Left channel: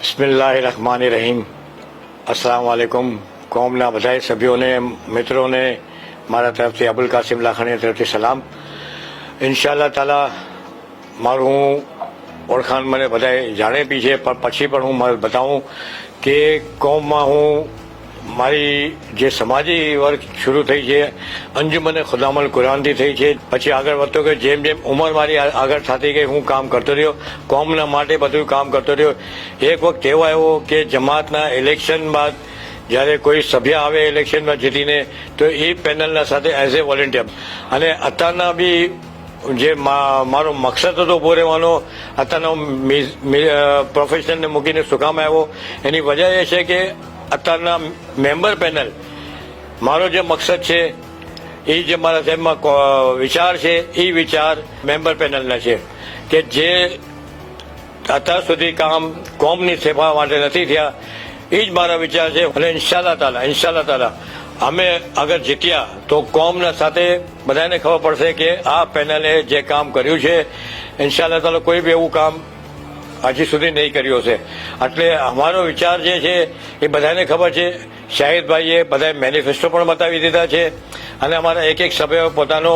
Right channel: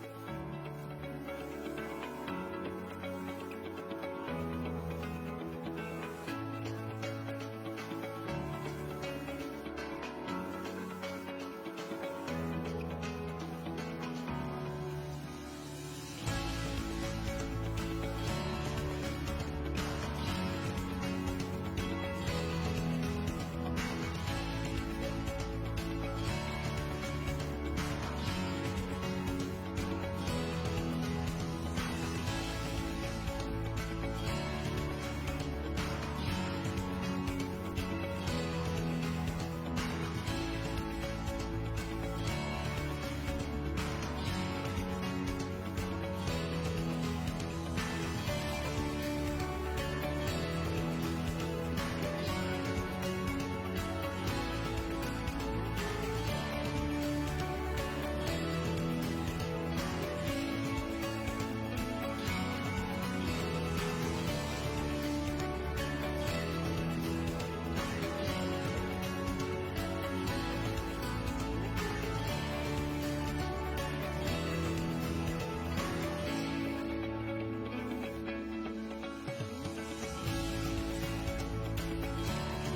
બિસ્મિલ્લાહિર્રહમાનિર્રહીમ. અસ્સલામ વાલેકુમ. કોમના બધા સભ્યોને, મિત્રોને મારા તરફથી અબુલ કાસિમ લાખાણી તરફથી સલામ. ઇન્શાઅલ્લાહ તાલા મારું ઓળખાણ મને બધાએ જાણે બી છે, પણ પછી પણ હું મારે બતાવું કે કોમમાં હું મારી જે સમાજી વર્ગ શરૂ થઈ છે અંજુમને ખુદામલ કુરાનથી થઈ છે. પછી આગળ વધતો કે જેમ જેમ ઉંમર મારી આગળ થતી ગઈ હું કામ કરતો રહ્યો, કોમના માટે બધું કામ કરતો રહ્યો. એક વખત એવો આવ્યો કે જમાતના ઇલેક્શન બાદ જ્યારે કોઈ સભ્ય આવે ઇલેક્શનમાં જીતીને તો એ પેનલના સાથે એઝ એ વોલેન્ટિયર, અને અત્યારના બી જે મારો મકસદ હતો ઉભો રહેવાનો, અત્યારનો પ્રોફેશનને મૂકીને શું કામ આવ્યો એની વજહ એ છે કે અત્યારના મેમ્બર પેનલ, મારો જે મકસદ છે એ જે મારા સાહેબમાં વિચાર છે એ વિચાર મેમ્બર પેનલના છે કે જે અત્યાર સુધી કામ કોમની સેવા માટે નથી થયા. એ જ મારા વિચાર છે. અને ઇન્શાઅલ્લાહ તાલા અમે અગર જીત્યા તો કોમના સાથે બધાને ખબર પડશે કે આ પેનલે જે કામ કર્યું છે ઇન્શાઅલ્લાહ તાલા કોઈ બી એવું કામ હજી સુધી નહીં કર્યો છે. એટલે અમારો વિચાર જે છે એ બધાને ખબર છે. શાહિદભાઈએ બધા મેનિફેસ્ટો પણ બતાવી દીધા છે અને અમારા એક એક સભ્યોએ પોતાનો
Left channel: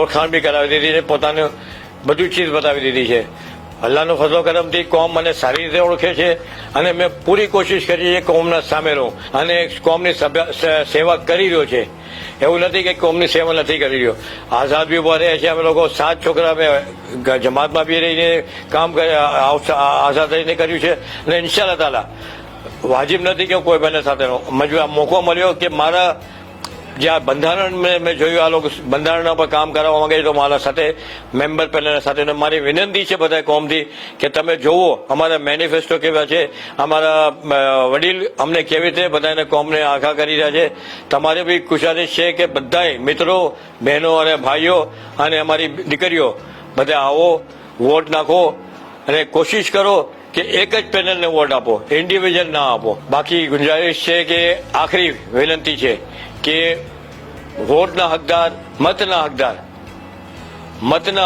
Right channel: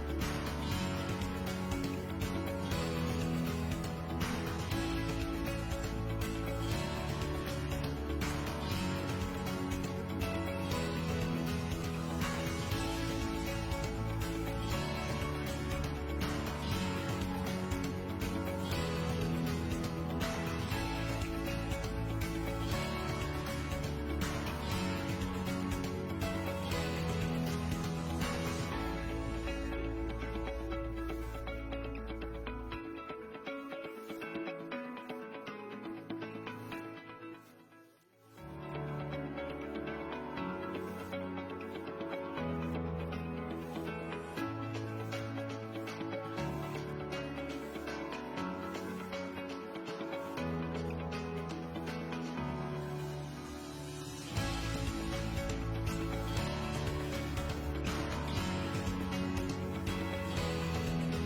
ઓળખાણ બી કરાવી દીધી છે, પોતાનું બધું ચીજ બતાવી દીધી છે. અલ્લાહનો ફઝલો કરમથી કોમ મને સારી રીતે ઓળખે છે અને મેં પૂરી કોશિશ કરી છે કોમના સામે રહું અને કોમની સેવા કરી રહ્યો છે. એવું નથી કે કોમની સેવા નથી કરી રહ્યો. આઝાદ બી ઉભા રહ્યા છે. અમે લોકો 7 છોકરા અમે જમાતમાં બી રહીને કામ આઝાદ રહીને કર્યું છે. અને ઇન્શાઅલ્લાહ તાલા વાજિબ નથી કે કોઈ બને સાથે મોકો મળ્યો કે મારા જે આ બંધારણ મેં જોયું, આ લોકો બંધારણના પર કામ કરવા માંગે છે તો મારા સાથે મેમ્બર પેનલ સાથે મારી વિનંતી છે બધા કોમથી કે તમે જોવો અમારા મેનિફેસ્ટો કેવા છે, અમારા વડીલ અમને કેવી રીતે બધાને કોમને આખા કરી રહ્યા છે. તમારે બી ગુજારિશ છે કે બધાએ મિત્રો, બહેનો અને ભાઈઓ અને અમારી દીકરીઓ બધા આવો, વોટ નાખો અને કોશિશ કરો કે એક જ પેનલને વોટ આપો, ઇન્ડિવિજ્યુઅલ ના આપો. બાકી ગુંજારિશ છે કે આખરી વિનંતી છે કે વોટના હકદાર, મતના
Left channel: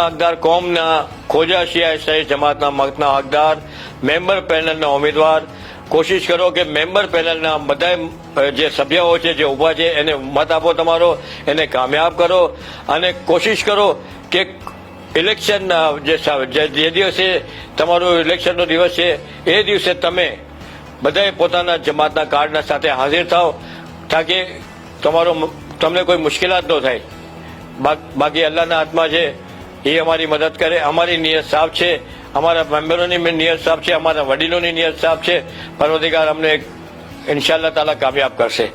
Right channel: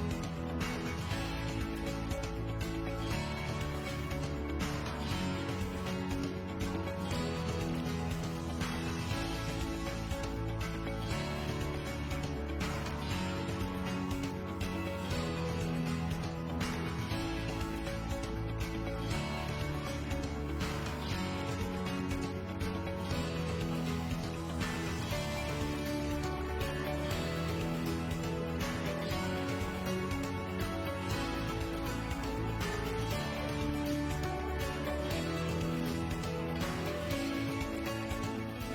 હકદાર કોમના ખોજા શિયા શહીદ જમાતના મતના હકદાર, મેમ્બર પેનલના ઉમેદવાર. કોશિશ કરો કે મેમ્બર પેનલના બધા જે સભ્યો છે જે ઉભા છે એને મત આપો તમારો, એને કામયાબ કરો. અને કોશિશ કરો કે ઇલેક્શનના જે દિવસે તમારો ઇલેક્શનનો દિવસ છે એ દિવસે તમે બધાએ પોતાના જમાતના કાર્ડના સાથે હાજર થાઓ તાકે તમને કોઈ મુશ્કેલાત ન થાય. બાકી અલ્લાહના હાથમાં છે, એ અમારી મદદ કરે. અમારી નિયત સાફ છે, અમારા મેમ્બરોની નિયત સાફ છે, અમારા વડીલોની નિયત સાફ છે. પરવરદિગાર અમને ઇન્શાઅલ્લાહ તાલા કામયાબ કરશે.